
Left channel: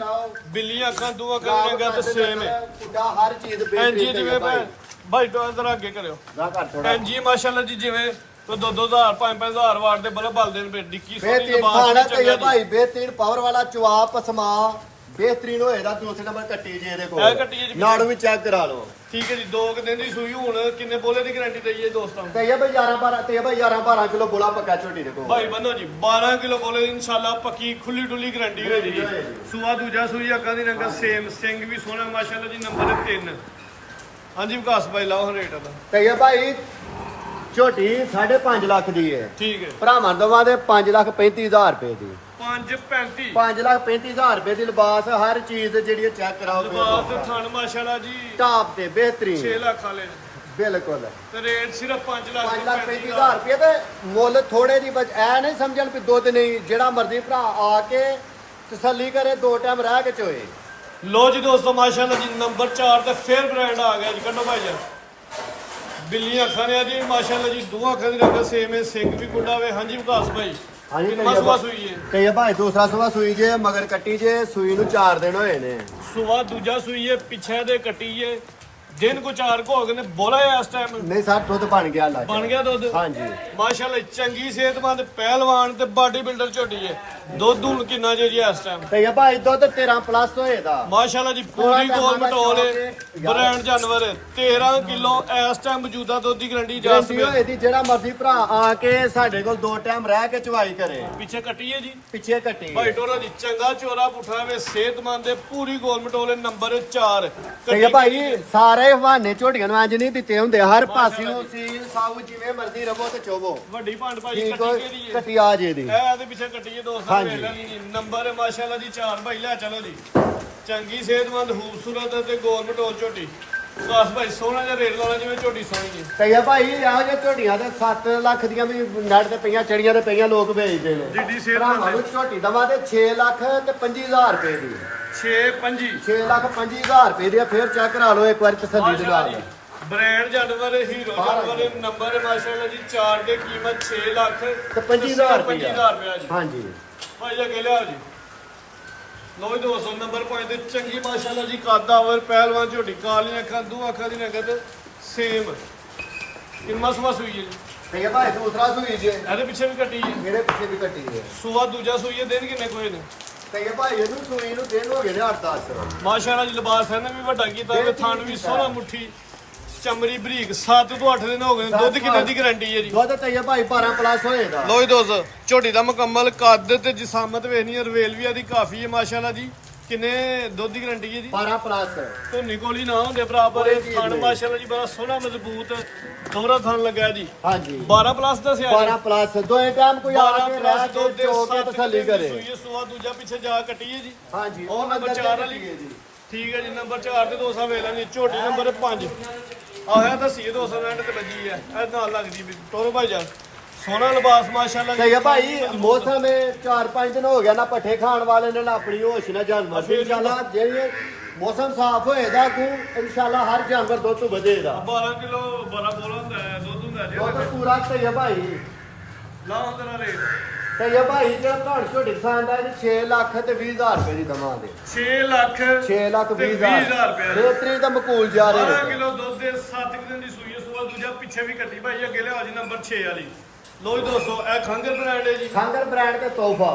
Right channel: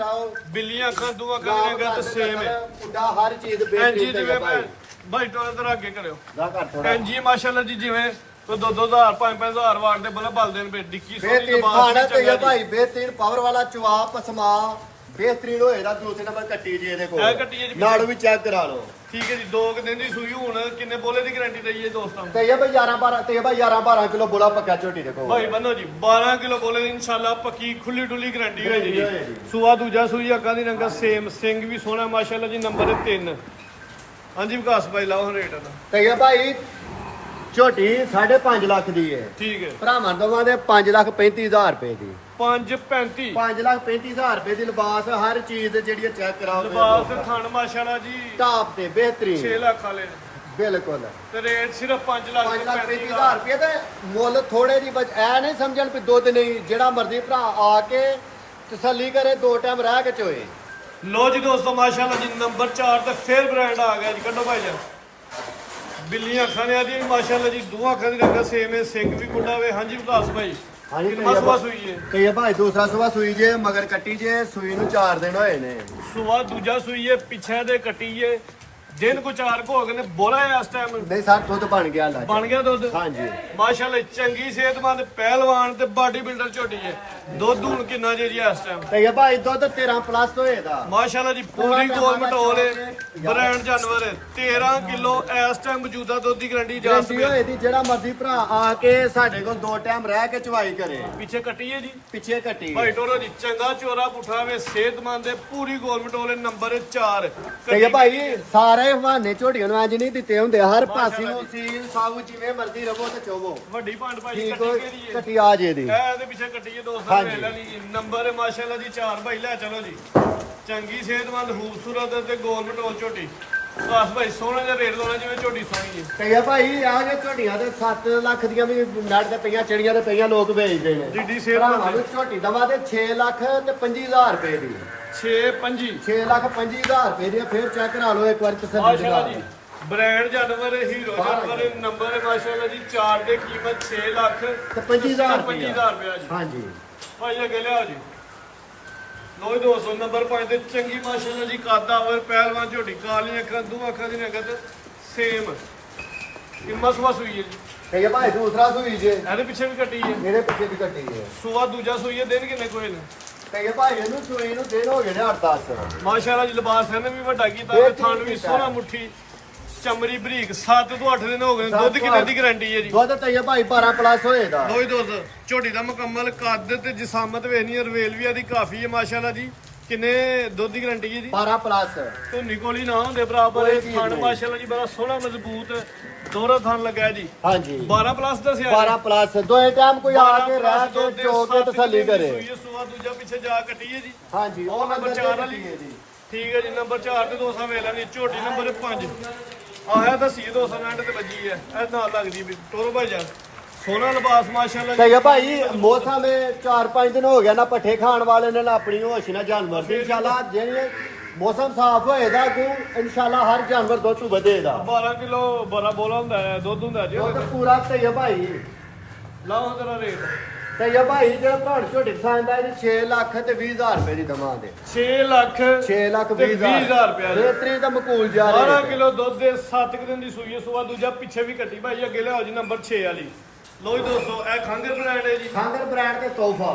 ਬਿੱਲੀਆਂ ਅੱਖਾਂ ਦੋ ਅੱਖਾਂ ਦੀਆਂ ਗੱਤ ਸੇਮ ਹੈ। ਪੁੱਡਾ ਹਰ ਚੀਜ਼ ਐਂਜੀ ਬਿਹਤਰੀਨ ਤੇ ਜਿਵੇਂ ਭਾਈ ਭਾਈ ਤੋਂ ਇਧਰ ਅੱਗੇ ਕਰਿਓ। ਦਾ ਘਰ ਥੋੜਾ ਐਂਜੀ ਮਾਸ਼ਾਅੱਲਾ ਜੀ ਜਿਵੇਂ ਕੋਈ 2-2,000 5-5,000 ਵਾਟ ਦੇ ਬਲਬ ਬਲਦੇ ਨੇ ਡਿੱਕੀ ਸੋਹਣੀ ਲਿਬਾਸ ਵੀ ਚੰਗਾ ਜੀ। ਭਾਈ ਬਿਹਤਰੀਨ ਪਾਵਰ ਵਾਲਾ ਚਵਾਪ ਸਮਾ ਬਿਹਤਰੀਨ ਹੋਏਗਾ। ਦੂਸਰੇ ਨੰਬਰ ਕੱਟੀ ਜੀ ਇਹਦੇ ਕੋਲ ਇਹ ਕੱਟੀ ਹੈ ਜੀ ਨਾੜ ਵੀ ਚੈੱਕ ਕਰਾ ਲਓ। ਠੀਕ ਹੈ ਜੀ। 2 ਦਿਨ ਦੀ ਸੂਈ ਹੁਣ ਕਿੰਨੇ ਬੋਲੇ ਦੀ ਗਾਰੰਟੀ ਦਈਏ ਦੋਸਤਾਂ ਨੂੰ? ਤੇ ਇਹ ਭਾਈ 11-12 ਤੇ ਭਾਈ 11-12 ਕਿਲੋ ਬੋਲਾ ਪੱਕਾ ਝੋਟੀ ਦੇ ਕੋਲ ਭਾਈ ਬੰਨੋ ਜੀ 12 ਕਿਲੋ ਬੋਲੇ ਦੀ ਇਨਸ਼ਾਅੱਲਾ ਪੱਕੀ ਖੁੱਲੀ ਡੁੱਲੀ ਗਾਰੰਟੀ ਹੋਏਗੀ ਜੀ। ਸੂਆ ਦੂਜਾ ਸੂਈ ਅੱਖਾਂ ਦੀ ਰੰਗਾ ਸੇਮ ਸਿੰਘ ਵੀ ਸੋਹਣਾ ਮਾਸ਼ਾਅੱਲਾ ਜੀ। ਨੰਬਰ 3 ਹਾਂਜੀ ਵਿਕਾਸ ਭਾਈ ਲਾਓ ਰੇਟ ਦਾ। ਤੇ ਇਹ ਭਾਈ ਝੋਟੀ 5.5 ਲੱਖ ਦੀ ਹੈ। ਠੀਕ ਹੈ। ਭਰਾਵਾਂ ਦਵਾਂ ਦੇ 5,35,000 ਰੁਪਏ ਦੀ। 5-35 5,35,000 ਰੁਪਏ ਦੀ ਲਿਬਾਸ ਹਰ ਚੀਜ਼ ਜਿਹੜੀ ਚੈੱਕ ਕਰਾਓ। ਲਿਬਾਸ ਤੇ ਥਣ ਮਾਸ਼ਾਅੱਲਾ ਜੀ ਟਾਪ ਤੇ ਬਿਹਤਰੀਨ 6 ਲੱਖ ਵਾਲੇ ਬਿਲਕੁਲ ਤੇ ਰੇਟ ਸਿਰਫ 5 ਲੱਖ ਤੇ 5,35,000 ਰੁਪਏ ਤੇ ਮੁੱਲ ਥੋੜੇ ਦੀ ਐ ਨਹੀਂ ਸਮਝਣ ਵੀ ਦੁੱਧ ਨਹੀਂ। ਜਿਹੜਾ ਮਰਜ਼ੀ ਭਰਾ ਆ ਕੇ ਤਸੱਲੀ ਕਰੇ 2 ਟਾਈਮ ਰਹਿ ਕੇ ਚੋਏ। ਲੋ ਜੀ ਦੋਸਤੋ ਮਾਸ਼ਾਅੱਲਾ ਜੀ ਨੰਬਰ 4 ਤੇ ਫਿਰ ਬ੍ਰਾਂਡ ਆ ਗਿਆ ਜੀ। ਕੱਢੋ ਭਾਈ ਜੀ। ਬਿੱਲੀਆਂ ਅੱਖਾਂ ਨੇ ਆ ਜੀ ਮਾਸ਼ਾਅੱਲਾ ਜੀ। ਦੋਹਾਂ ਅੱਖਾਂ ਦੀ ਰੰਗ ਸੇਮ ਹੈ। ਸਿੰਘ ਵੀ ਕੁੰਡਾ ਵੇ। ਹਾਂਜੀ ਵਿਕਾਸ ਭਾਈ ਕਿੰਨਾ ਸੂਆ ਸੂਈ ਹੈ? ਤੇ ਇਹ ਭਾਈ ਦੂਸਰਾ ਸੂਆ ਸੂਈ ਜੇ ਮਗਰ ਕੱਟੀ ਜੇ ਸੂਈ ਨੂੰ 4 ਦਿਨ ਹੋਏ ਨੇ। ਸੂਆ ਦੂਜਾ ਸੂਈ ਹੈ ਪਿੱਛੇ ਦੇ ਕੱਟੀ ਹੈ। ਦਿਨ ਕੋ 4 ਕੋ ਹੋ ਗਏ ਨੇ ਬੋਲਾ ਹੈ ਇਸ ਟਾਈਮ ਨਹੀਂ ਸਰ ਦੁੱਧ ਬਣ ਗਿਆ ਲੱਗ ਬਣ ਗਿਆ ਦੁੱਧ। ਹਾਂਜੀ ਮਾਸ਼ਾਅੱਲਾ ਚੰਗੀ ਸਿਹਤਮੰਦ ਪਹਿਲਵਾਨ ਤੇ ਬਾਡੀ ਬਿਲਡਰ ਝੋਟੀ ਹੈ। ਦੁੱਧ ਹੁਣ ਕਿੰਨਾ ਜੇ ਜੀ ਇਸ ਟਾਈਮ? ਤੇ ਇਹ ਭਾਈ ਦੁੱਧ 13 ਪਲੱਸ ਹੋਏਦਾ। ਮਾਸ਼ਾਅੱਲਾ ਜੀ ਪੂਰੀ ਗੋਲ ਮਟੋਲ ਹੈ। ਬ੍ਰਾਂਡ ਜਾਨਵਰ ਹੈ। 13 ਕਿਲੋ ਇਸ ਟਾਈਮ ਮੌਜੂਦਾ ਦੁੱਧ ਦੀ ਗਾਰੰਟੀ ਜਾ ਗਰੰਟੀ ਸਕਦੀ ਹੋਏ ਦੀ ਜਿਹੜਾ ਮਰਜ਼ੀ ਭਰਾ ਆ ਕੇ ਸਾਡੇ ਕੋਲ 2 ਟਾਈਮ ਰਹਿ ਕੇ ਚਵਾਈ ਕਰੇ। ਪਿੱਛੇ ਕੱਟੀ ਹੈ ਜੀ ਪਿੱਛੇ ਕੱਟੀ ਭਾਈ ਟੋਰੋ ਜੀ ਚੰਗਾ ਚੋਰਾ ਪੁੱਠਾ ਵੇ ਸਿਹਤਮੰਦ ਹੈ ਪੂਰੀ ਗੋਲ ਮਟੋਲ ਹੈ। ਨੰਬਰ 4 ਤੇ ਇਹ ਭਾਈ ਸਾਰੇ ਬਹਾਨੇ ਝੋਟੀਆਂ ਨੂੰ ਇੰਜ ਨਹੀਂ ਦਿੱਤੇ ਹੁੰਦੇ। ਹਰ ਪਾਸੇ ਨੂੰ ਸੀਲ ਸਾਊ ਜਿਵੇਂ ਮਰਜ਼ੀ ਰਵੋ ਤੇ ਚੋਵੋ। ਵੱਡੀ ਭੰਡ ਭਾਈ ਠੀਕ ਕੱਟੀ ਕਿਹੜੀ ਹੈ? ਕੱਟੀ ਆ ਜੇ ਦੀ ਇਹ ਇਹਦੇ ਪਿੱਛੇ ਕੱਟੀ ਹੈ ਦੋਸਤਾਂ ਵੇਖ ਲੈ ਜੀ। ਨੰਬਰ ਹੈ ਮਾਸ਼ਾਅੱਲਾ ਜੀ 4 ਭਾਈ ਲੈ ਚਲੋ ਜੀ। ਚੰਗੀ ਸਿਹਤਮੰਦ ਖੂਬਸੂਰਤ ਤੇ ਗੋਲ ਮਟੋਲ ਝੋਟੀ। ਬਸ ਭਾਈ ਸੋਹਣਾ ਜਿਹਾ ਰੇਟ ਲਾਉਣਾ ਜਿਵੇਂ ਝੋਟੀ ਸੋਹਣੀ ਹੈ। ਤੇ ਇਹ ਭਾਈ ਆ ਜੇ ਝੋਟੀਆਂ ਤੇ 7 ਲੱਖ ਦੀਆਂ ਵੀ ਨੈਟ ਤੇ ਪਈਆਂ ਚੜੀਆਂ ਤੇ ਪਈਆਂ ਲੋਕ ਵੇਚਦੇ ਨੇ। ਜਿੱਡੀ ਭਰਾਵਾਂ ਸਿਹਤਮੰਦ ਨੂੰ ਝੋਟੀ ਦਵਾ ਤੇ 6 ਲੱਖ ਤੇ 25,000 ਰੁਪਏ ਦੀ। 6-5 6 ਲੱਖ 25,000 ਰੁਪਏ ਦੀ। ਫਿਰ ਚੈੱਕ ਕਰਾ ਲਓ ਇੱਕ ਵਾਰ ਤਸੱਲੀ ਮਾਸ਼ਾਅੱਲਾ ਨਾਲ। ਜੀ ਬ੍ਰਾਂਡ ਜਾਨਵਰ ਹੀਰੋ ਜਾਨਵਰ ਨੰਬਰ ਹੈ ਮਾਸ਼ਾਅੱਲਾ ਜੀ 4 ਦੇ ਕੀਮਤ 6 ਲੱਖ ਤੇ 25,000 ਰੁਪਏ ਜੀ। ਹਾਂਜੀ ਭਾਈ ਅੱਗੇ ਲਿਆਓ ਜੀ। ਲੋ ਜੀ ਦੋਸਤੋ ਨੰਬਰ 5 ਤੇ ਚੰਗੀ ਮਾਸ਼ਾਅੱਲਾ ਜੀ ਕਾਦਾ ਹੋਵੇ ਪਹਿਲਵਾਨ ਝੋਟੀ ਕਾਲੀਆਂ ਅੱਖਾਂ ਦੋ ਅੱਖਾਂ ਦੀ ਨਗਤ ਸੇਮ ਕਿੰਨਾ ਸੂਆ ਸੂਈ ਹੈ ਜੀ? ਤੇ ਇਹ ਭਾਈ ਦੂਸਰਾ ਸੂਈ ਜੇ ਇਹਦੇ ਪਿੱਛੇ ਵੀ ਕੱਟੀ ਹੈ। ਜਿਹੜੇ ਪਿੱਛੇ ਵੀ ਕੱਟੀ ਹੈ। ਸੂਆ ਦੂਜਾ ਸੂਈ ਹੈ। ਦਿਨ ਕਿੰਨੇ ਕੋਈ ਨੇ? ਤੇ ਇਹ ਭਾਈ ਇਹਨੂੰ ਸੂਈ ਨੂੰ ਦਿਨ ਹੋ ਗਏ ਨੇ 8-10। ਮਾਸ਼ਾਅੱਲਾ ਜੀ ਲਿਬਾਸ ਇਹਨੇ ਵੀ ਵੱਡਾ ਕੀਤਾ ਤੇ ਥਣ ਵੀ ਸੋਹਣਾ ਮੁੱਠੀ ਚਮੜੀ ਬਰੀਕ 7 ਤੋਂ 8 ਦਿਨ ਹੋ ਗਏ ਨੇ। ਦੁੱਧ ਕਿੰਨੇ ਦੀ ਗਾਰੰਟੀ ਹੈ ਜੀ? ਦੁੱਧ ਤੇ ਇਹ ਭਾਈ 12 ਪਲੱਸ ਹੋਏਗਾ। ਲੋ ਜੀ ਦੋਸਤ ਝੋਟੀ ਦਾ ਮੁਕੰਮਲ ਕੱਦ ਤੇ ਜਿਸਾਮਤ ਵੇਖਣੀ ਹੈ। ਰਵੇਲ ਵੀ ਇਹਦੀ ਕਾਫੀ ਹੈ ਮਾਸ਼ਾਅੱਲਾ ਜੀ। ਕਿੰਨੇ ਦੁੱਧ ਦੀ ਗਾਰੰਟੀ ਹੈ ਜੀ? 12 ਪਲੱਸ। ਧੋਨੀ ਕੋਲੀ ਨਾ ਹੁੰਦੇ ਬਰਾਬਰ ਇਹ ਥਣ ਮਾਸ਼ਾਅੱਲਾ ਜੀ ਬੜਾ ਸੋਹਣਾ ਮਜ਼ਬੂਤ ਦੋਹਰਾ ਥਣ ਲੱਗਾ ਜੀ। ਹਾਂਜੀ 12 ਪਲੱਸ ਦੱਸਿਆ 12 ਪਲੱਸ। ਦੋਏ ਟਾਈਮ ਕੋਈ ਆ 12 ਕੇ ਪਲੱਸ ਰਹਿ ਦੁੱਧ ਕੇ ਦੇ ਚੋ ਕੇ ਤਸੱਲੀ ਕਰੇ। ਸੂਆ ਦੂਜਾ ਪਿੱਛੇ ਜਾ ਕੱਟੀਏ ਜੀ। ਹਾਂਜੀ ਉਹ ਨੰਬਰ 4 ਵਾਲੀ ਠੀਕ ਹੈ ਜੀ। ਨੰਬਰ 4 ਤੇ 200 ਵੇਖ ਲੈਣੀ। ਝੋਟੀ ਨੰਬਰ 5 ਆਇਆ ਦੱਸੀਏ 200 ਮਿੰਟ ਤੇ ਵੱਜੀ ਹੈ। ਇਹ ਨਾਲ ਲੱਗਦੀ ਵੀ ਟੋਰੋ ਭਾਈ ਜਾ ਸੋਹਣਾ ਲਿਬਾਸ ਮਾਸ਼ਾਅੱਲਾ ਜੀ। ਤੇ ਭਾਈ ਮੌਸਮ 4-5 ਦਿਨ ਹੋ ਗਿਆ ਨਾ ਪੱਠੇ ਖਾਣ ਵਾਲੇ ਨਾਲ ਆਪਣੀ ਹੋਸ਼ ਨਾ ਜਾਨਵਰ ਇਨਸ਼ਾਅੱਲਾ ਜਿਹੜੀ ਮੌਸਮ ਸਾਫ਼ ਹੋਏਗਾ ਕਿ ਇਨਸ਼ਾਅੱਲਾ ਹਰ ਜਾਨਵਰ ਦੁੱਧ ਤੋਂ ਵਧੇਗਾ। 12 ਕਿਲੋ ਬੜਾ ਬੋਲਾ ਹੁੰਦਾ ਹੈ ਦੁੱਧ ਹੁੰਦਾ ਜੀ। ਦੁੱਧ ਪੂਰਾ ਤੇ ਭਾਈ ਲਾਓ ਤੇਰਾ ਰੇਟ ਤੇ ਇਹ ਭਾਈ ਜਿਹੜਾ ਭਾਣ ਝੋਟੀ ਪਸੰਦ ਆ ਇਹ 6 ਲੱਖ ਤੇ 20,000 ਰੁਪਏ ਦੀ ਦਵਾਂਗੇ 6 ਲੱਖ 6 ਲੱਖ ਤੇ 20,000 ਰੁਪਏ ਬੇਹਤਰੀਨ ਤਾਂ ਮਕੂਲ ਜਾ 12 ਰਹੇ ਕਿਲੋ ਦੁੱਧ ਦੇ 7 ਦਿਨ ਦੀ ਸੂਈ ਸੁਆ ਦੂਜਾ ਪਿੱਛੇ ਵੀ ਕੱਟੀ ਭਾਈ ਅੱਗੇ ਲਿਆਓ ਜੀ ਨੰਬਰ 6 ਵਾਲੀ ਲੋ ਜੀ ਦੋਸਤੋ ਇਹ ਖੰਗਰ ਬ੍ਰਾਂਡ ਹੈ ਜੀ ਖਾਂਗਰ ਬ੍ਰਾਂਡ ਦੇ ਤੋਹਫਾ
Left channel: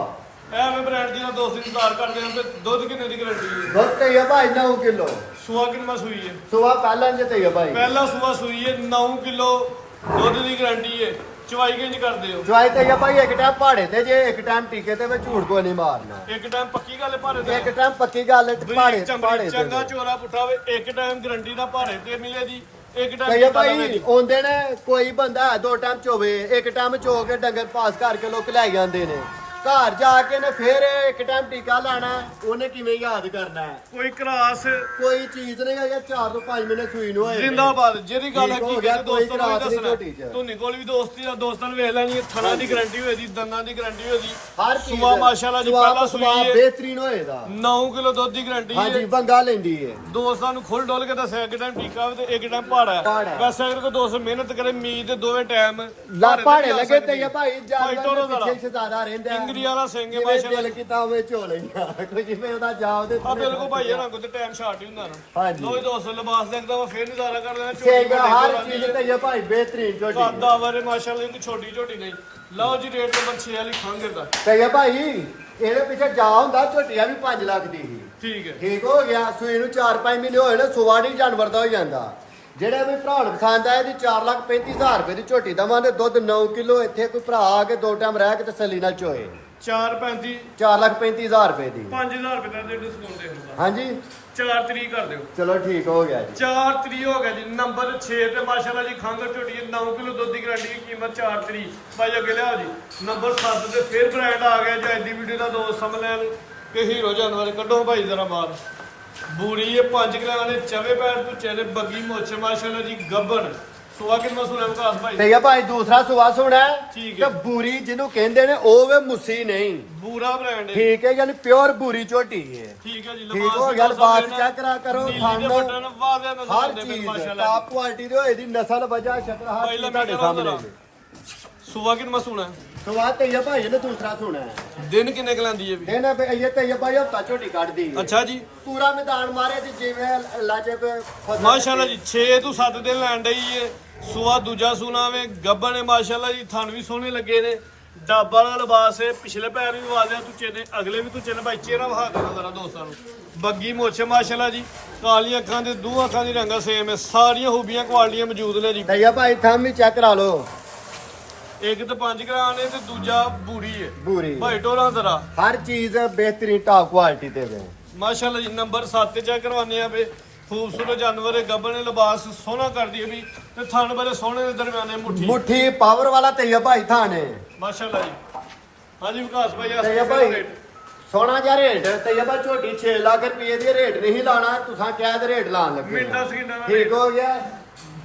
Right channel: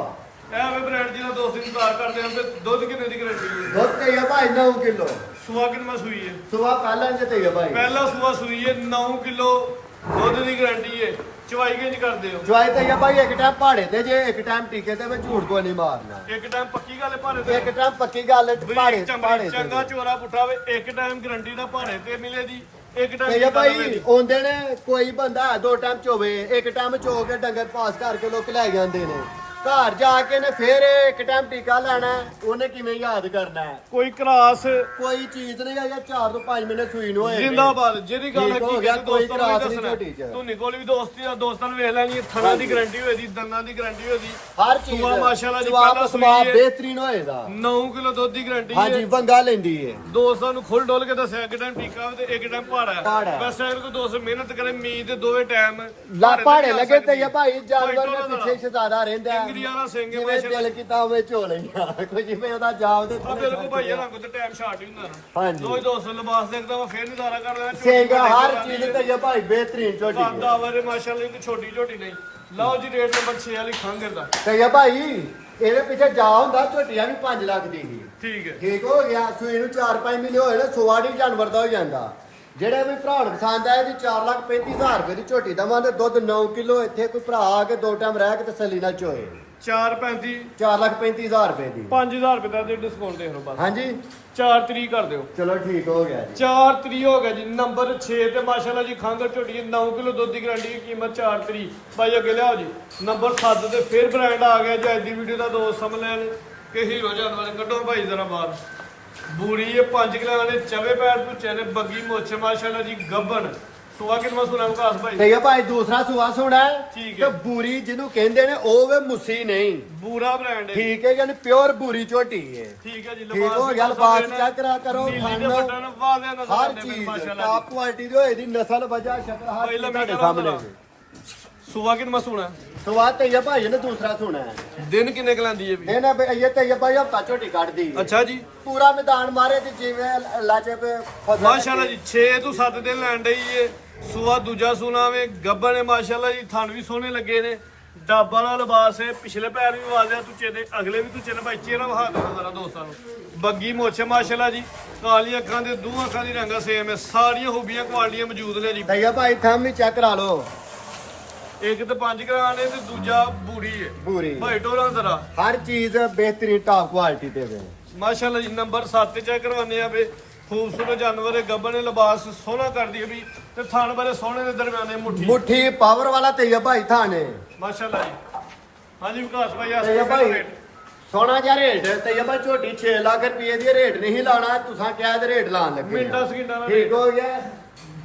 ਇਹ ਵੇ ਬ੍ਰਾਂਡ ਜਿਹਦਾ ਦੋਸਤ ਇੰਤਜ਼ਾਰ ਕਰਦੇ ਹਨ ਤੇ ਦੁੱਧ ਕਿੰਨੇ ਦੀ ਗਾਰੰਟੀ ਹੈ ਦੁੱਧ ਤੇ ਇਹ ਭਾਈ 9 ਕਿਲੋ ਸੁਆ ਕਿੰਨਾ ਸੂਈ ਹੈ ਸੁਆ ਪਹਿਲਾਂ ਚ ਤੇ ਇਹ ਭਾਈ ਪਹਿਲਾ ਸੂਆ ਸੂਈ ਹੈ 9 ਕਿਲੋ ਦੁੱਧ ਦੀ ਗਾਰੰਟੀ ਹੈ ਚਵਾਈ ਕਿੰਜ ਕਰਦੇ ਹੋ ਜਵਾਈ ਤੇ ਇਹ ਭਾਈ ਇੱਕ ਟਾਈਮ ਪਹਾੜੇ ਤੇ ਜੇ ਇੱਕ ਟਾਈਮ ਟੀਕੇ ਤੇ ਮੈਂ ਝੂਠ ਕੋ ਨਹੀਂ ਮਾਰਨਾ ਇੱਕ ਟਾਈਮ ਪੱਕੀ ਗੱਲ ਹੈ ਭਾਰੇ ਤੇ ਇੱਕ ਟਾਈਮ ਪੱਕੀ ਗੱਲ ਹੈ ਬਰੀਕ ਚਮੜੀ ਚੰਗਾ ਚੋਰਾ ਪੁੱਠਾ ਵੇ ਇੱਕ ਟਾਈਮ ਗਾਰੰਟੀ ਦਾ ਭਾਰੇ ਤੇ ਮਿਲੇ ਦੀ ਇੱਕ ਟਾਈਮ ਕਹੇ ਭਾਈ ਆਉਂਦੇ ਨੇ ਕੋਈ ਬੰਦਾ 2 ਟਾਈਮ ਚੋਵੇ ਇੱਕ ਟਾਈਮ ਚੋ ਕੇ ਡੰਗਰ ਪਾਸ ਕਰਕੇ ਲੋਕ ਲੈ ਜਾਂਦੇ ਨੇ ਘਰ ਜਾ ਕੇ ਨੇ ਫੇਰ ਇੱਕ ਟਾਈਮ ਟੀਕਾ ਲੈਣਾ ਉਹਨੇ ਕਿਵੇਂ ਯਾਦ ਕਰਨਾ ਹੈ ਕੋਈ ਕਰਾਸ ਕੋਈ ਚੀਜ਼ ਨਹੀਂ ਜਾਂ 4 ਤੋਂ 5 ਮਹੀਨੇ ਸੂਈ ਨੂੰ ਹੋਏ ਜਿੰਦਾਬਾਦ ਜਿਹੜੀ ਗੱਲ ਠੀਕ ਹੋ ਹਕੀਕਤ ਗਿਆ, ਹੈ ਦੋਸਤਾਂ ਨੂੰ ਕੋਈ ਵੀ ਕਰਾਸ ਨਹੀਂ ਝੋਟੀ ਦੱਸਣਾ ਚ। ਧੁੰਨੀ ਕੋਲ ਵੀ ਦੋਸਤੀ ਆ ਦੋਸਤਾਂ ਨੂੰ ਵੇਖ ਲੈਣੀ ਥਣਾ ਦੀ ਗਾਰੰਟੀ ਹੋਏਦੀ ਦੰਦਾਂ ਦੀ ਗਾਰੰਟੀ ਹੋਏਦੀ ਹਰ ਚੀਜ਼ ਸੁਆ ਮਾਸ਼ਾਅੱਲਾ ਜੀ ਸੁਆ ਪਹਿਲਾ ਸੂਈ ਸੁਆ ਹੈ ਬਿਹਤਰੀਨ ਹੋਏਗਾ 9 ਕਿਲੋ ਦੁੱਧ ਦੀ ਗਾਰੰਟੀ ਹੈ ਹਾਂਜੀ ਵੰਗਾ ਲੈਂਦੀ ਏ ਦੋਸਤਾਂ ਨੂੰ ਖੁੱਲ ਡੋਲ ਕੇ ਦੱਸਿਆ ਇੱਕ ਟਾਈਮ ਟੀਕਾ ਵੇ ਤੇ ਇੱਕ ਟਾਈਮ ਪਹਾੜਾ ਪਹਾੜਾ। ਹੈ ਬਸ ਅਗਰ ਕੋਈ ਦੋਸਤ ਮਿਹਨਤ ਕਰੇ ਮੀਤ ਦੇ ਦੋਵੇਂ ਟਾਈਮ ਲਾ ਪਹਾੜੇ ਲੱਗੇ ਤੇ ਇਹ ਭਾਈ ਜਾਨਵਰ ਦੇ ਪਿੱਛੇ ਸ਼ਜ਼ਾਦਾ ਰਹਿੰਦਾ ਇੰਗਰੀ ਵਾਲਾ ਸਿੰਘ ਹੈ ਜਿਵੇਂ ਮਾਸ਼ਾਅੱਲਾ ਦਿਲ ਕੀਤਾ ਹੋਵੇ ਝੋ ਲਈਆਂ ਕੋਈ ਜਿਵੇਂ ਉਹਦਾ ਜਾਬ ਦੇ ਆ ਬਿਲਕੁਲ ਭਾਈ ਇਹਨਾਂ ਕੋਲ ਤੇ ਟਾਈਮ ਸ਼ਾਰਟ ਹੀ ਹੁੰਦਾ ਨਾ ਹਾਂਜੀ। ਦੋ ਹੀ ਦੋਸਤ ਲਿਬਾਸ ਦੇਖਦਾ ਵਾ ਫੇਰ ਨਜ਼ਾਰਾ ਕਰ ਲੈਣਾ ਝੋਟੀ ਸਿੰਘ ਵੱਡੇ ਹਰ ਘਰਾਂ ਦੀ ਚੀਜ਼ ਤੇ ਇਹ ਭਾਈ ਬਿਹਤਰੀਨ ਝੋਟੀ ਸਾਦਾ ਵਰੇ ਮਾਸ਼ਾਅੱਲਾ ਇੱਕ ਛੋਟੀ ਝੋਟੀ ਨਹੀਂ ਲਓ ਜੀ ਰੇਟ ਨੰਬਰ 6 ਵਾਲੀ ਖੰਗਰ ਦਾ ਤੇ ਇਹ ਭਾਈ ਇਹਦੇ ਪਿੱਛੇ ਜਾ ਹੁੰਦਾ ਝੋਟੀਆਂ ਵੀ 5 ਲੱਖ ਦੀ ਸੀ ਠੀਕ ਹੈ ਠੀਕ ਹੋ ਗਿਆ ਸੂਈ ਨੂੰ 4-5 ਮਹੀਨੇ ਹੋਏ ਨੇ ਸੁਵਾੜੀ ਜਾਨਵਰ ਦਾ ਹੋ ਜਾਂਦਾ ਜਿਹੜੇ ਵੀ ਭਰਾ ਨੂੰ ਪਸੰਦ ਆ ਇਹਦੀ 4,35,000 ਰੁਪਏ ਦੀ ਝੋਟੀ ਦਵਾਂਗੇ ਦੁੱਧ 9 ਕਿਲੋ ਇੱਥੇ ਕੋਈ ਭਰਾ ਆ ਕੇ 2 ਟਾਈਮ ਰਹਿ ਕੇ ਤਸੱਲੀ ਨਾਲ ਚੋਏ 435 4,35,000 ਰੁਪਏ ਦੀ 5000 ਰੁਪਏ ਦਾ ਡਿਸਕਾਊਂਟ ਦੇ ਦਿਓ ਬਸ ਹਾਂਜੀ 4 ਤਰੀਕ ਕਰ ਦਿਓ ਚਲੋ ਠੀਕ ਹੋ ਗਿਆ ਜੀ 4 ਤਰੀਕ ਹੋ ਗਿਆ ਜੀ ਨੰਬਰ 6 ਤੇ ਮਾਸ਼ਾਅੱਲਾ ਜੀ ਖੰਗਰ ਝੋਟੀ ਹੈ 9 ਕਿਲੋ ਦੁੱਧ ਦੀ ਗਾਰੰਟੀ ਦੀ ਕੀਮਤ 4 ਤਰੀਕ ਭਾਈ ਅੱਗੇ ਲਿਆਓ ਜੀ ਨੰਬਰ 7 ਤੇ ਫਿਰ ਬ੍ਰਾਂਡ ਆ ਗਿਆ ਜੀ ਅੱਜ ਦੀ ਵੀਡੀਓ ਦਾ ਦੋਸਤ ਸਮਝ ਲੈਣ ਕਿ ਹੀਰੋ ਜਾਨਵਰ ਕੱਢੋ ਭਾਈ ਜ਼ਰਾ ਬਾਹਰ ਬੂਰੀ ਇਹ 5 ਕਿਲੋ ਨੇ ਚਵੇ ਪੈਰ ਤੋਂ ਚੈਨੇ ਬੱਗੀ ਮੋਛੇ ਮਾਸ਼ਾਅੱਲਾ ਜੀ ਗੱਬਣ ਸੁਆ ਕਿੰਨਾ ਸੁਣਾ ਵਿਕਾਸ ਭਾਈ ਤੇ ਇਹ ਭਾਈ ਦੂਸਰਾ ਸੁਵਾ ਸੁਣਾ ਠੀਕ ਤੇ ਹੈ। ਬੂਰੀ ਜਿਹਨੂੰ ਕਹਿੰਦੇ ਨੇ ਉਹ ਵੇ ਮੁੱਸੀ ਨਹੀਂ ਬੂਰਾ ਬ੍ਰਾਂਡ ਹੈ ਠੀਕ ਹੈ ਯਾਨੀ ਪਿਓਰ ਬੂਰੀ ਝੋਟੀ ਹੈ ਠੀਕ ਹੈ ਜੀ ਠੀਕ ਲਿਬਾਸ ਹੋ ਵੀ ਗਿਆ, ਬਹੁਤ ਲਿਬਾਸ ਸੋਹਣਾ ਚੈੱਕ ਕਰਾ ਕਰੋ, ਨੀਲੀ ਦੇ ਖਾਣਾ। ਬਟਨ ਵਾਜ਼ਿਆ ਨਜ਼ਰ ਹਰ ਆਉਂਦੇ ਪਏ ਚੀਜ਼ ਮਾਸ਼ਾਅੱਲਾ ਟਾਪ ਕੁਆਲਿਟੀ ਦੇ ਹੋਏ ਦੀ ਨਸਲ ਵਜਾ ਸ਼ਕਲ ਹਰ ਪਹਿਲਾਂ ਚੀਜ਼ ਮੈਂ ਤੁਹਾਡੇ ਕਰਾਂ ਸਾਹਮਣੇ ਜ਼ਰਾ। ਜੀ। ਸੁਆ ਕਿੰਨਾ ਸੁਣਾ ਸਵਾਦ ਤੇ ਇਹ ਭਾਈ ਨੇ ਦੂਸਰਾ ਸੁਣਾ ਹੈ ਦਿਨ ਕਿੰਨੇ ਕੁ ਲੈਂਦੀ ਹੈ ਵੀ ਇਹ ਨਾ ਵੀ ਇਹ ਤੇ ਇਹ ਭਾਈ ਹਫਤਾ ਝੋਟੀ ਕੱਢਦੀ ਹੈ। ਅੱਛਾ ਜੀ ਪੂਰਾ ਮੈਦਾਨ ਮਾਰੇ ਤੇ ਜਿਵੇਂ ਲਾਜੇ ਪੇ ਫਸਲ ਮਾਸ਼ਾਅੱਲਾ ਜੀ 6 ਤੋਂ 7 ਦਿਨ ਲੈਣ ਡਈ ਏ ਸੁਆ ਦੂਜਾ ਸੁਣਾ ਵੇ ਗੱਬਰ ਨੇ ਮਾਸ਼ਾਅੱਲਾ ਜੀ ਥਣ ਵੀ ਸੋਹਣੇ ਲੱਗੇ ਨੇ ਡਾਬਾ ਵਾਲਾ ਲਿਬਾਸ ਹੈ ਪਿਛਲੇ ਪੈਰ ਵੀ ਵਾਜ਼ਿਆ ਤੁਚੇ ਨੇ ਅਗਲੇ ਵੀ ਤੁਚੇ ਨੇ ਭਾਈ ਚਿਹਰਾ ਵਹਾ ਦੇਣਾ ਜ਼ਰਾ ਦੋਸਤਾਂ ਨੂੰ ਬੱਗੀ ਮੋਛੇ ਮਾਸ਼ਾਅੱਲਾ ਜੀ ਕਾਲੀਆਂ ਅੱਖਾਂ ਦੇ ਦੋ ਅੱਖਾਂ ਦੀ ਰੰਗਾ ਸੇਮ ਹੈ ਸਾਰੀਆਂ ਖੂਬੀਆਂ ਕੁਆਲਟੀਆਂ ਮੌਜੂਦ ਨੇ ਜੀ ਤੇ ਇਹ ਭਾਈ ਥੰਮ ਹੀ ਚੈੱਕ ਕਰਾ ਲਓ ਇੱਕ ਤੇ 5 ਗ੍ਰਾਮ ਨੇ ਤੇ ਦੂਜਾ ਬੂਰੀ ਹੈ ਪੂਰੀ ਭਾਈ ਟੋਰਾ ਜ਼ਰਾ ਹਰ ਚੀਜ਼ ਬਿਹਤਰੀਨ ਟਾਪ ਕੁਆਲਿਟੀ ਤੇ ਵੇ ਮਾਸ਼ਾਅੱਲਾ ਜੀ ਨੰਬਰ 7 ਤੇ ਚੈੱਕ ਕਰਵਾਉਂਦੇ ਆ ਵੇ ਖੂਬਸੂਰਤ ਜਾਨਵਰ ਹੈ ਗੱਬਰ ਨੇ ਲਿਬਾਸ ਸੋਹਣਾ ਕਰਦੀ ਹੈ ਵੀ ਤੇ ਥਣ ਬਾਰੇ ਸੋਹਣੇ ਦੇ ਦਰਮਿਆਨੇ ਮੁੱਠੀ ਮੁੱਠੀ ਪਾਵਰ ਵਾਲਾ ਤੇ ਇਹ ਭਾਈ ਥਾਣੇ ਮਾਸ਼ਾਅੱਲਾ ਜੀ ਹਾਂਜੀ ਵਿਕਾਸ ਭਾਈ ਤੇ ਇਹ ਭਾਈ ਸੋਨਾ ਜਿਹਾ ਰੇਟ ਤੇ ਇਹ ਭਾਈ ਝੋਟੀ 6 ਲੱਖ ਰੁਪਏ ਦੀ ਰੇਟ ਨਹੀਂ ਲਾਣਾ ਤੁਸੀਂ ਕਿਹਾ ਤੇ ਰੇਟ ਲਾਣ ਲੱਗੇ ਮਿਲਦਾ ਸਕੀਨਾ ਦਾ ਠੀਕ ਹੋ ਗਿਆ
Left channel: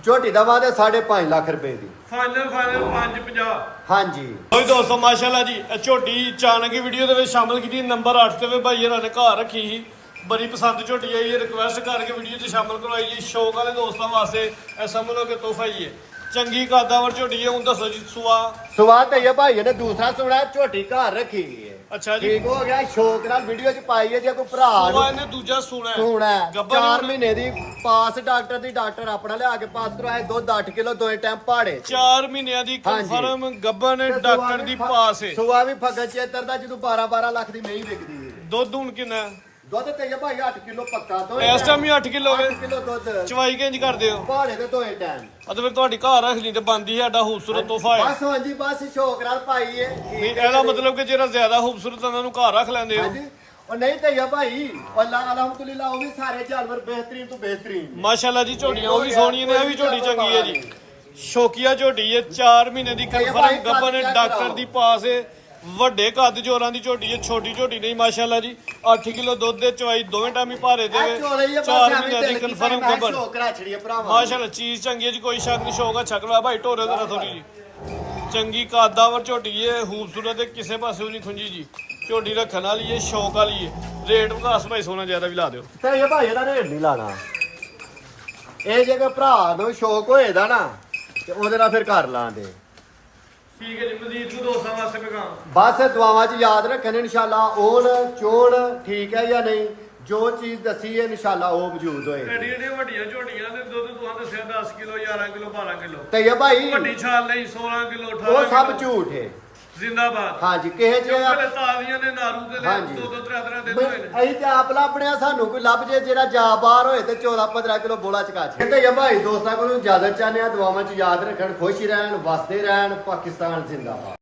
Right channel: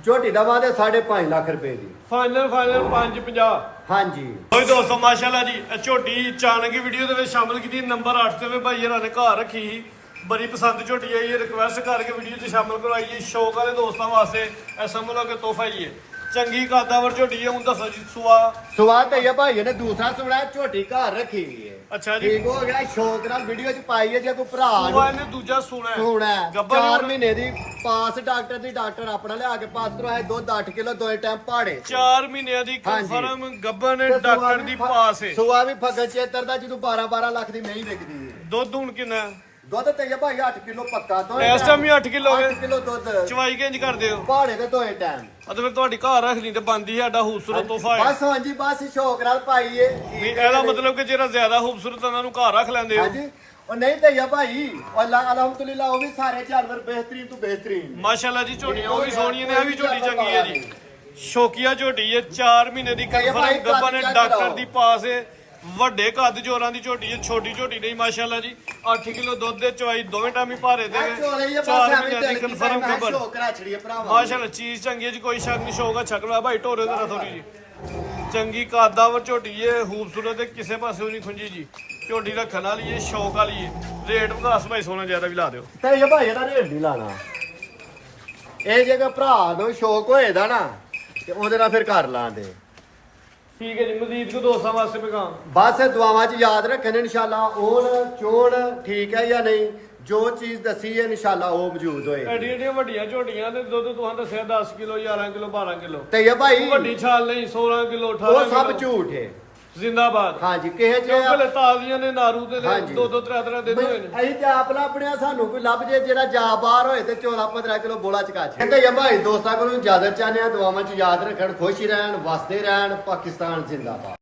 ਝੋਟੀ ਦਾ ਵਾਦੇ 5.5 ਲੱਖ ਰੁਪਏ ਦੀ ਫਾਈਨਲ 550 ਹਾਂਜੀ ਹੋਈ ਦੋਸਤੋ ਮਾਸ਼ਾਅੱਲਾ ਜੀ ਇਹ ਝੋਟੀ ਚਾਨਕੀ ਵੀਡੀਓ ਦੇ ਵਿੱਚ ਸ਼ਾਮਲ ਕੀਤੀ ਨੰਬਰ 8 ਤੇ ਵੀ ਭਾਈ ਇਹਨਾਂ ਨੇ ਘਰ ਰੱਖੀ ਸੀ ਬੜੀ ਪਸੰਦ ਝੋਟੀ ਆਈ ਹੈ ਰਿਕਵੈਸਟ ਕਰਕੇ ਵੀਡੀਓ 'ਚ ਸ਼ਾਮਲ ਕਰਵਾਈ ਜੀ ਸ਼ੌਕ ਵਾਲੇ ਦੋਸਤਾਂ ਵਾਸਤੇ ਇਹ ਸਮਝ ਲਓ ਕਿ ਤੋਹਫਾ ਹੀ ਹੈ ਚੰਗੀ ਕਾਦਾਵਰ ਝੋਟੀ ਹੈ ਹੁਣ ਦੱਸੋ ਜੀ ਸੁਆ ਸਵਾਦ ਤੇ ਇਹ ਭਾਈ ਨੇ ਦੂਸਰਾ ਸੁਣਾ ਝੋਟੀ ਘਰ ਰੱਖੀ ਹੈ ਅੱਛਾ ਜੀ ਠੀਕ ਹੋ ਗਿਆ ਸ਼ੌਕ ਨਾਲ ਵੀਡੀਓ ਚ ਪਾਈ ਹੈ ਜੇ ਕੋਈ ਭਰਾ ਸੁਆ ਇਹਨੇ ਦੂਜਾ ਸੁਣਾ ਹੈ ਹੋਣਾ ਗੱਬਰ ਨੇ 4 ਹੁਣ ਮਹੀਨੇ ਦੀ ਪਾਸ ਡਾਕਟਰ ਦੀ ਡਾਕਟਰ ਆਪਣਾ ਲਿਆ ਕੇ ਪਾਸ ਕਰਵਾਇਆ ਦੁੱਧ 8 ਕਿਲੋ ਦੋਏ ਟਾਈਮ ਪਾੜੇ 4 ਮਹੀਨਿਆਂ ਦੀ ਕਨਫਰਮ ਗੱਬਰ ਨੇ ਡਾਕਟਰ ਦੀ ਪਾਸ ਹੈ ਸੁਆ ਵੀ ਫਗਤ ਚੇਤਰ ਦਾ ਜਦੋਂ 12 ਲੱਖ ਦੀ ਮਹੀਂ ਵਿਕਦੀ ਹੈ ਦੁੱਧ ਹੁਣ ਕਿੰਨਾ ਹੈ? ਦੁੱਧ ਤੇ ਇਹ ਭਾਈ 8 ਕਿਲੋ ਪੱਕਾ ਦੋ ਇਸ ਟਾਈਮ ਹੀ 8 ਕਿਲੋ ਹੈ 8 ਕਿਲੋ ਦੁੱਧ ਚਵਾਈ ਕਿੰਜ ਕਰਦੇ ਹੋ ਪਾੜੇ ਤੇ ਦੋਏ ਟਾਈਮ ਅਤੇ ਫਿਰ ਤੁਹਾਡੀ ਘਰ ਰੱਖਣੀ ਤੇ ਬੰਦੀ ਸਾਡਾ ਖੂਬਸੂਰਤ ਤੋਹਫਾ ਹੈ ਬਸ ਹਾਂਜੀ ਬਸ ਸ਼ੌਕ ਨਾਲ ਪਾਈਏ ਨਹੀਂ ਇਹਦਾ ਮਤਲਬ ਕਿ ਜਿਹੜਾ ਜ਼ਿਆਦਾ ਖੂਬਸੂਰਤ ਉਹਨਾਂ ਨੂੰ ਘਰ ਰੱਖ ਲੈਂਦੇ ਹੋ ਹਾਂਜੀ ਉਹ ਨਹੀਂ ਤੇ ਇਹ ਭਾਈ ਅੱਲਾਹ ਅਲਹਮਦੁਲਿਲਾ ਉਹ ਵੀ ਸਾਰੇ ਜਾਨਵਰ ਬਿਹਤਰੀਨ ਤੋਂ ਬਿਹਤਰੀਨ ਮਾਸ਼ਾਅੱਲਾ ਜੀ ਝੋਟੀਆਂ ਉਹ ਵੀ ਸੋਹਣੀਆਂ ਨੇ ਇਹ ਵੀ ਝੋਟੀ ਚੰਗੀ ਹੈ ਜੀ ਸ਼ੌਕੀਆ ਝੋਟੀ ਹੈ 4 ਮਹੀਨੇ ਦੀ ਕਨਫਰਮ ਗੱਬਾ ਨੇ ਡਾਕਟਰ ਦੀ ਪਾਸ ਹੈ ਵੱਡੇ ਕੱਦ ਜੋਰਾਂ ਦੀ ਝੋਟੀ ਹੈ ਛੋਟੀ ਝੋਟੀ ਨਹੀਂ ਮਾਸ਼ਾਅੱਲਾ ਜੀ 8 ਕਿਲੋ ਦੁੱਧ ਦੇ ਚਵਾਈ ਦੋਵੇਂ ਟਾਈਮ ਹੀ ਭਾਰੇ ਦੇ ਆ ਚੋਲੇ ਇਹ 4 ਬਸ ਮਹੀਨੇ ਐਵੇਂ ਦੀ ਦਿਲ ਕਨਫਰਮ ਕੀਤਾ ਗੱਬਰ ਸ਼ੌਕ ਕਰਾ ਛੜੀਏ ਭਰਾਵਾ ਮਾਸ਼ਾਅੱਲਾ ਚੀਜ਼ ਚੰਗੀ ਹੈ ਜੀ ਕੋਈ ਸ਼ੱਕ ਨਹੀਂ ਸ਼ੌਕ ਆ ਛਕਲਾ ਭਾਈ ਢੋਰੇ ਦਾ ਥੋੜੀ ਜੀ ਚੰਗੀ ਕਾਦਾਵਰ ਝੋਟੀ ਹੈ ਖੂਬਸੂਰਤ ਹੈ ਕਿਸੇ ਪਾਸੇ ਨਹੀਂ ਖੁੰਜੀ ਜੀ ਝੋਟੀ ਰੱਖਣ ਵਾਲੀ ਹੈ ਸ਼ੌਕ ਵਾਲੀ ਹੈ ਰੇਟ ਵਿਕਾਸ ਭਾਈ ਸੋਨਾ ਜ਼ਿਆਦਾ ਵੀ ਲਾ ਦਿਓ ਤੇ ਇਹ ਭਾਈ ਇਹਦਾ ਰੇਟ ਨਹੀਂ ਲਾਣਾ ਇਹ ਜੇਕਰ ਭਰਾ ਨੂੰ ਸ਼ੌਕ ਹੋਏਦਾ ਨਾ ਤੇ ਉਹਦੇ ਨਾਲ ਫਿਰ ਕਰ ਲਾਂਦੇ ਠੀਕ ਹੈ ਜੀ, ਮਜ਼ੀਦ ਕੋ ਦੋਸਤਾਂ ਵਾਸਤੇ ਪੈਗਾਮ। ਬਸ ਦੁਆਵਾਂ 'ਚ ਯਾਦ ਰੱਖਣ ਇਨਸ਼ਾਅੱਲਾ ਓਨ ਚੋਣ ਠੀਕ ਹੈ ਜਾਂ ਨਹੀਂ, ਜੋ ਚੀਜ਼ ਦੱਸੀ ਹੈ ਇਨਸ਼ਾਅੱਲਾ ਉਹ ਮੌਜੂਦ ਹੋਏ। ਐਡੀਆਂ ਐਡੀਆਂ ਵੱਡੀਆਂ ਝੋਟੀਆਂ ਦੇ ਦੁੱਧ ਤੁਹਾਨੂੰ ਦੱਸਿਆ 10 ਕਿਲੋ 11 ਕਿਲੋ 12 ਕਿਲੋ ਤੇ ਇਹ ਭਾਈ ਵੱਡੀ ਛਾਲ ਨਹੀਂ 16 ਕਿਲੋ 18 ਉਹ ਸਭ ਕਿਲੋ। ਝੂਠ ਹੈ। ਜ਼ਿੰਦਾਬਾਦ। ਹਾਂਜੀ ਕਿਸੇ ਚ ਕਿਉਂਕਿ ਤਾਜ਼ੀਆਂ ਨੇ ਨਾਰੂ ਤੇ ਨੇ ਹਾਂਜੀ। 2-2 3-3 ਦਿਨ ਹੋਏ ਨੇ। ਅਸੀਂ ਤੇ ਆਪ ਲੱਭਣੇ ਆ, ਸਾਨੂੰ ਕੋਈ ਲੱਭ ਜੇ ਜਿਹੜਾ ਜਾ ਬਾਹਰ ਹੋਏ ਤੇ 14-15 ਕਿਲੋ ਬੋਲਾ ਚਕਾ ਛੇ। ਕਹਿੰਦੇ ਆ ਭਾਈ ਦੋਸਤਾਂ ਕੋਲੋਂ ਇਜਾਜ਼ਤ ਚਾਹਨੇ ਆ, ਦੁਆਵਾਂ 'ਚ ਯਾਦ ਰੱਖਣ, ਖੁਸ਼ ਰਹਿਣ, ਵਸਦੇ ਰਹਿਣ, ਪਾਕਿਸਤਾਨ ਜ਼ਿੰਦਾਬਾਦ।